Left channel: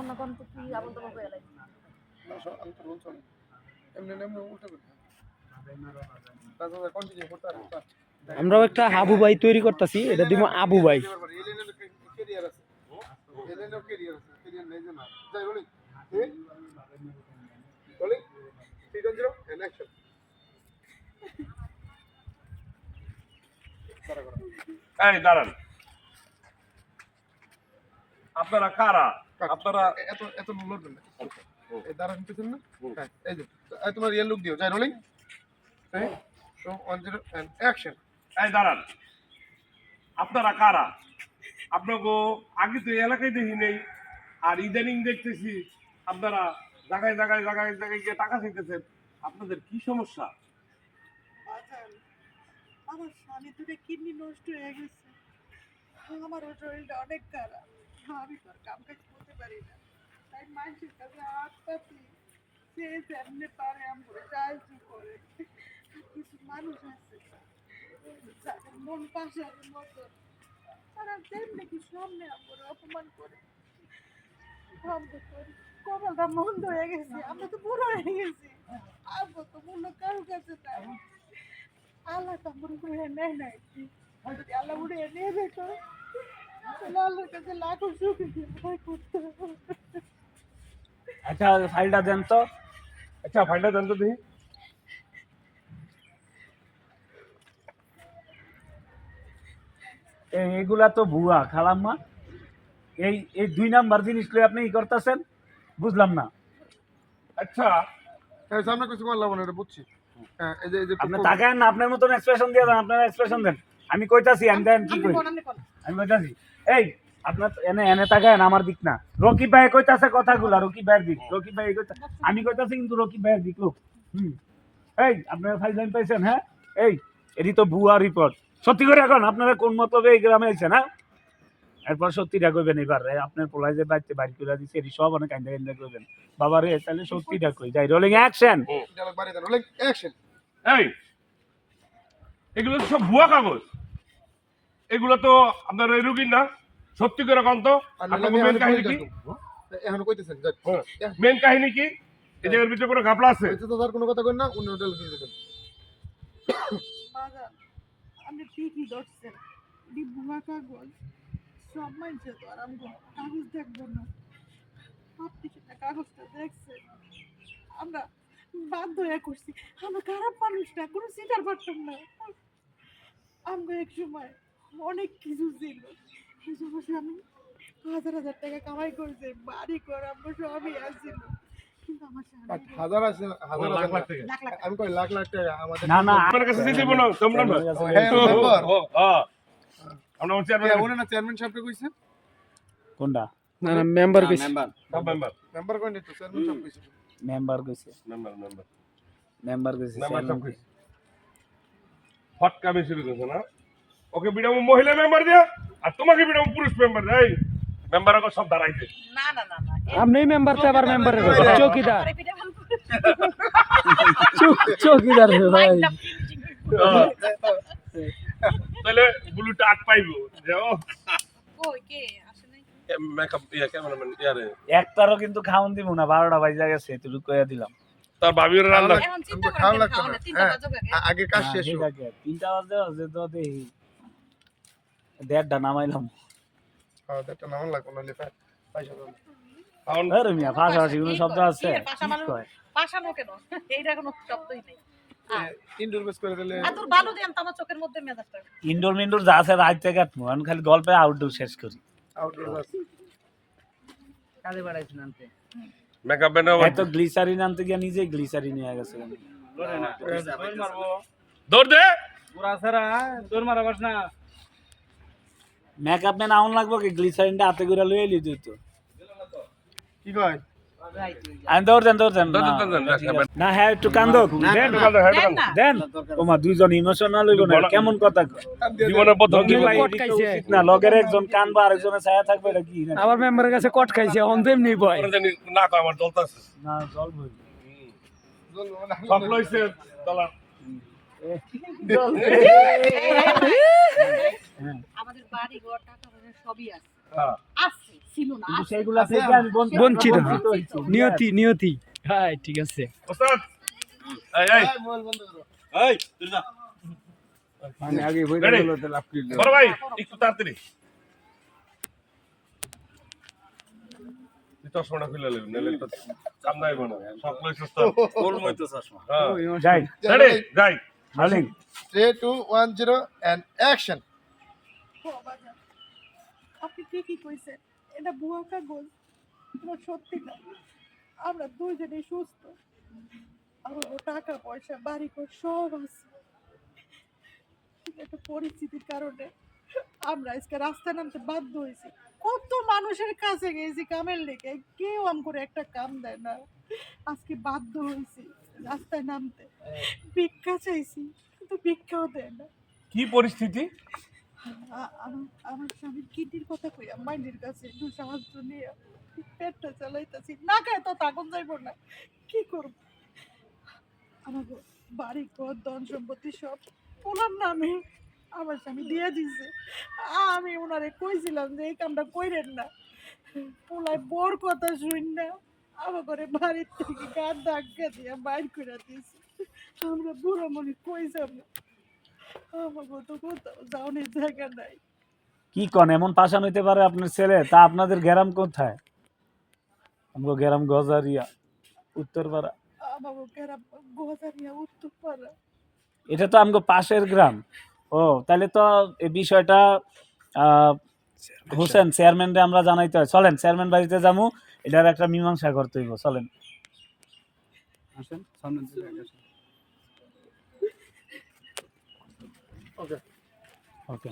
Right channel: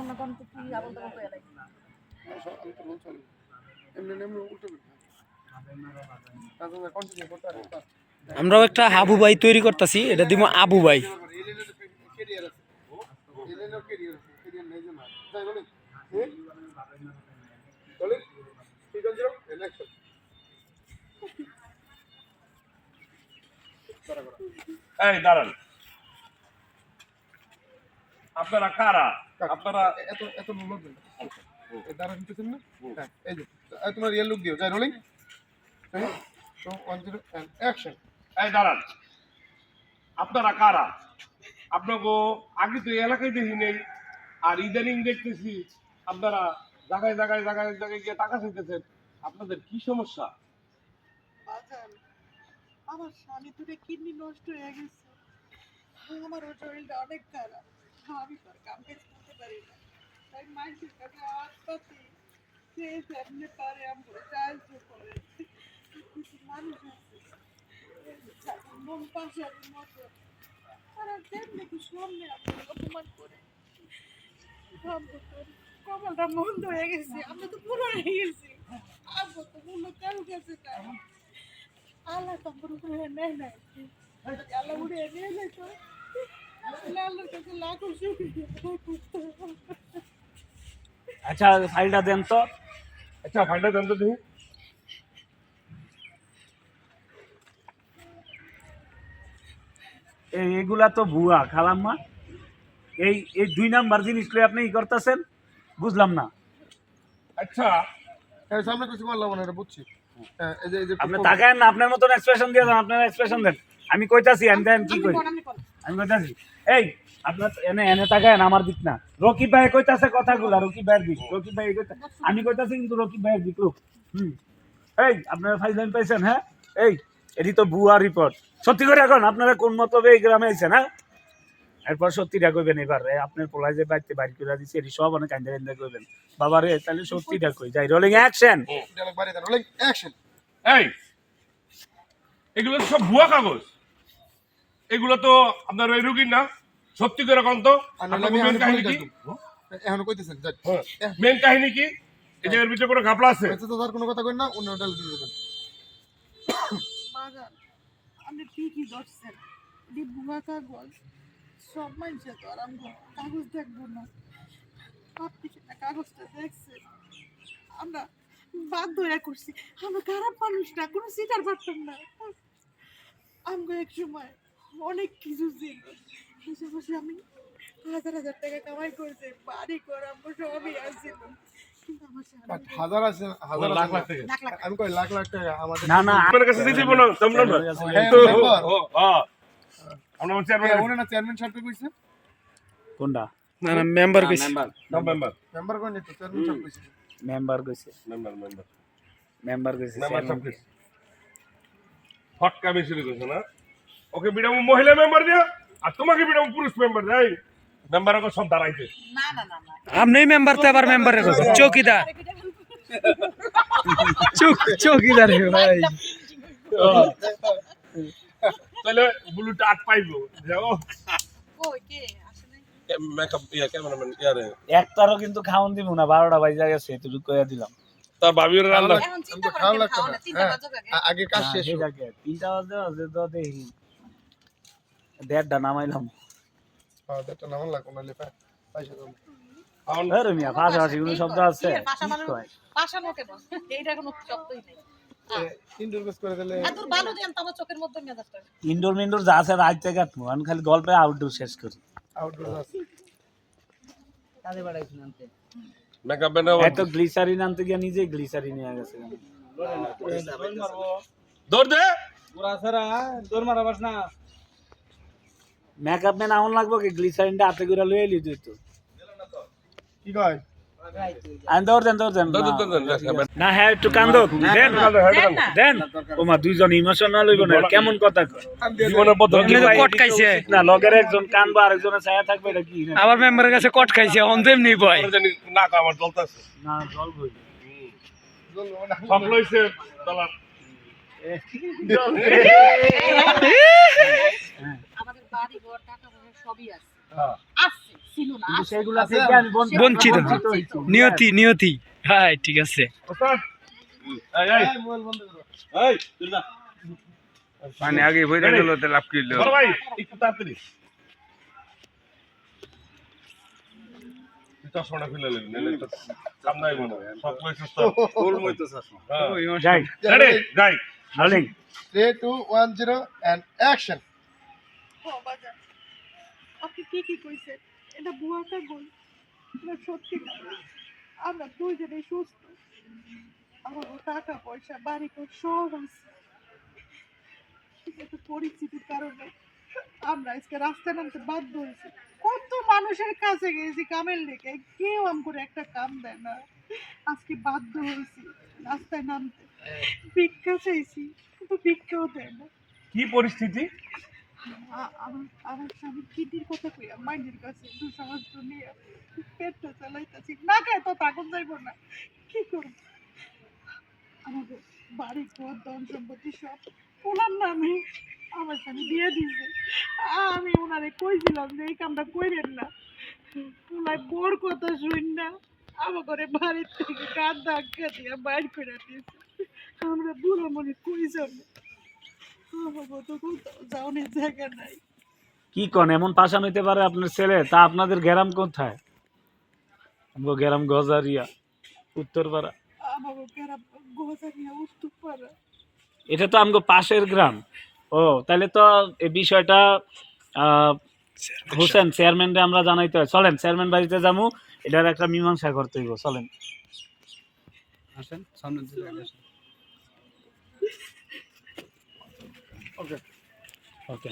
কখনো কোন তো কি আবল তাবল কইয়া লাগে আমি তো রোল চলে এমনি উল্টে করি তাহলে কন্টিনিউ করতে পারি আমরাও একটা হাবু ভাই তৈরি করতেছি, এটা দিব আবু ভাই। ক্যারিয়ার আছে এলেনের ক্যারিয়ার আছে ক্যারিয়ার নেই যে না যাই বলি বলি 3-0 এন্ড অ্যাকশন এই দাঁড়ান, আপনারা কারা? আপনারা এত এত লড়বেন না এই দাঁড়া নিতেছেন না হ্যাঁ এই যে তোমার রিয়েল লুক দিও যাই রোলিং তো 1-0 এন্ড অ্যাকশন এই দাঁড়ান, আপনারা কারা? আপনাকে আগে তো এই এলাকায় দেখি নেই, আর ইদানিং দেখতেছি আপনারা জায়গায় জায়গায় জায়গায় জায়গায় গিয়ে টাকা চাইতেছেন। আপনাদের কি সমস্যা? বাজান, আমার স্বামী দুটো কিডনি নষ্ট হয়ে গেছে, আমার শরীরটা অনেক খারাপ, আমি তো আর কাম কাজ করতে পারি না, তাই মানুষের কাছে হাত পাতি সে যেমনি পারে আমরা সাহায্য করে। কিছু মানুষ আছে যাদের মন পাশার মতো, তারা যেমনি কি সামনে আমরা অপমান করে। আমরা তো কপালটা মন্দ হয়ে গেছি, আমরা তো বুড়ো হয়ে গেছি, আমরা তো মূল্য কারো কাছে নাই। আল্লাহ তো আমার উপরে নেয় নাই, যদি আল্লাহ উড়ে নিয়ে যেত তাহলে আল্লাহর কাছে লাখো শুকরিয়া আদায় করতে হবে। আচ্ছা ফাইলটা দেন তো। আচ্ছা ফাইলটা দেন তো দেখি। এগুলা তো ভুয়া খালাম্মা। এই এই 2 নাম্বার জিনিসগুলো আপনি ই করতেছেন, বুঝলাম না। আচ্ছা সামনে কিছু করলাম না এটা বুঝছি হ্যাঁ এই যে আপনি তাকায়েন না, আপনার মতন এক্সপ্রেশন দিয়ে দেন, আপনার এক্সপ্রেশন দেন। আমি কইতাছি আমি দেন কি কই, আমি কইতাছি এই আপনার এনে এনে তাকায়েন আমার দিক না। রকিব ভাই কইতাছে কথাগুলো, রকিব ভাইয়ের দিক, রকিব ভাই কইতা, আমি কইতাছি কিন্তু রকিব ভাইয়ের দিক লোক। এই আপনারা ফাইল লাইন পাইছেন? হ্যাঁ এই এটি তো ভুয়া রিপোর্ট। সত্যি করে এখন আপনারা কোন মতলবে এই গ্রামে আইছেন? হ্যাঁ এরপর সত্যিটা কইবেন। এবার আপনার পোলাই যে বাড়িতে বাইর করে দিচ্ছে এটি সব অনেক কান্দা কান্দা কইবেন। বাবা রে তাহলে সত্যিটা কই যাই। Rolling action. ডায়লগ বাইরে দেন রোলিং অ্যাকশন এই এগুলো তো সব ভুয়া কাগজ, এগুলো তো আপনার ওই রুগীর না। সত্যি করে কোন তো আপনার মেন কাহিনী কি? এখন কইতেছেন যাই মেন কাহিনী কি? এই যে এর ভিতরে কোনো ঘাপলা আছে? এতে তো আর কোনো কথা কই না অন্য ডায়লগ দিয়ে দেন বাজান, আপনি ঠিকই ধরছেন, এটি ভুয়া কাগজ। সব মানুষের তো আর আমি কাগজ দেখবো না, আপনি সেটা কাগজটা দেখছেন, আমরা বাধ্য হয়ে করছি, আমরা খারাপ মানুষ না, কোনো সিটার পারতাম না। আমগো এক সময় অনেক কিছু ছিল, বসে বসে আমি 1000 টাকা কামাই করছি, বাড়ি ঘর আমরা সবই আসছিল, কিন্তু আমার বাট হাজার আছে হাজার লাখ লাখ টাকা আমি কই লাখ লাখ টাকা আমাদের না না আপনার কাছে দিতে বলো তোমরা না। হ্যাঁ আমরা চেয়ারম্যান ওনে না চেয়ারম্যান সাহেবকে কইছে কোনটা? না না মেম্বার কইছে সব মেম্বার মেম্বার কই নি তো চেয়ারম্যান সাহেব কইছে মেম্বার কইছে, মেম্বার মেম্বার কইছে, সব কিছু ফটকা বেশি দিতেছে না। ওকে বিডাম মহিলা মেম্বার দিয়া আর তোমাকে বিডাম পুরুষ মেম্বার দেয়। মেম্বার আগে সব দাঁড়াইছে। না না না না আপনি মেম্বার তো আবার মেম্বারের কথা চৌকিদার, চৌকিদার হে ভাই। তাহলে ব্লুটা 8 পাইবো যাও কই কে আসে নাই? মেকআপ ক্যামেরাম্যান ইয়ারে একটারও কিন্তু খাওন দিব না, 12টা বাজে গেছে এতটুকু কইয়া দিলাম। তার ভাবির রান্না এখন চিন্তা আমাকে খাওয়া করে লাগতো খাওয়া না না, চিন্তা হ্যাঁ বাজবে আগে কাজ শেষ হোক 3টা বাজে তো দেখি 1:30টা নামাইলাম। হ্যাঁ এটা নাম লাগবে না লেফা পয়সা দাও আরে মিয়া পাশাপাশি কোনো শব্দ আছে? পাশানো কেন, এইটা কোনো শব্দই নেই। ইনডোর বেস করে দিলে আর তোর ভালো দেন তো আমার চোখের মধ্যে মেজাজটা। ইনডোর মিনডোর যা আছে রাত থেকে কাটবো, আমি খালি গল্পে আউটডোর শেষ করি। আউটডোর আছে কাজে বাড়াইছি আনতে, মেকআপ ব্যান্ড এত গ্লিসারিন আনতে গিয়ে নিজেই গ্লিসারিন নিয়ে গেছে। দৌড় দে পুরা সারা দৌড় মারাবাস না। মেকআপ ম্যান আউন লাগবো কি গ্লিসারিনটা হাতে করে লয়ে এলি তুই তো কি কয় আমি দৌড় দেন না। হ্যাঁ একটু কান্দো দেন দেন। ওমা দুইজন ইমোশনাল হইব না, কেমন কথা কয় জীবনের পদ্ধতি কট খাইছে না, লগের একজন কানবো আরেকজনের ছায়া থাকবে, এটা কি আবার মেম্বারের কাছে কট খাইছে অন্তেম নেই ভয় না কয় আমার চলতেছে না জল বই সব লইছে ডলার। আমাদের বাড়ি ঘর টাকা পয়সা সবই আছে, হ্যাঁ আসছে ছিল না কিন্তু আসছে। সেগুলা থেকে আমি বঞ্চিত। হয়েছি। নিয়তি নিয়তি হ্যাঁ ঠিক আছে ওস্তাদ এই এই এই, মোবাইল বন্ধ করো। মানে আগে বইরা Ready? গেল তো লাভ করলো বড় ভাই একটু তাড়াতাড়ি চশমাটা খুলে নেবেন নাহলে তো কাম নাই মনে হয় সব লইছ ওস্তাদ হ্যাঁ যাই রেডি যাই হার্লিং 3 2 1 0 and action বাজার আপনি কি কইছেন এটা বুয়া কাগজ এটা সত্যি না আমরা দুইজনে সুস্থ আমার টাকা পয়সা বাড়ি ঘর সব আছে কিন্তু পরিস্থিতির কারণে আমরা আজকে রাস্তা নামতে বাধ্য হয়েছি কত মানুষের কাছে গেছি কামের লেগে কেউ আম করে একটা কাম দেয় না আজকে বাধ্য হয়েছি রাস্তায় নামতে ভিক্ষা চাইছি কিন্তু ভিক্ষাও দেয় না কি পরিস্থিতি আমার স্বামী কিডনির কথা কইয়া মাইন্ডের কাছে একটু সাহায্য নিয়ে পেটটা চালাইতেছি না খায় তো তাকন যাইব না কি করব আমাকে বাড়ি ঘর ধন সম্পত্তি সব পোলার নামে আমার স্বামী দিয়ে দিছে আমি ওনারে কইছিলাম যে এই কামটা কইরেন না পোলায় বোর কথা শুন না আমার ঘরে বাড়ির থেকে গান ধাক্কা দিয়ে বাইর করে দিয়েছে আমরা বুড়ো মনে কই যাবো আমার তো কোথাও যাওয়ার জায়গা নাই কি কোন এমন পাশা নিতে পারে আপনার ছেলে তা আপনাদের গ্রাম কোথায় আমগো গ্রাম গজারিয়া উত্তরপাড়া আমাকে গ্রাম গোজারিয়া উত্তরপাড়া এটা তো আমগো পাশের গ্রাম ও তাহলে তো এই বিষয়টা হোসেন চেয়ারম্যানরে আমরা জানাইতে হয় চলেন চেয়ারম্যান বাড়িতে যাবো এটার একটা মীমাংসা করতে হইব চলেন আসেন সামনে দিকে আসেন ওকে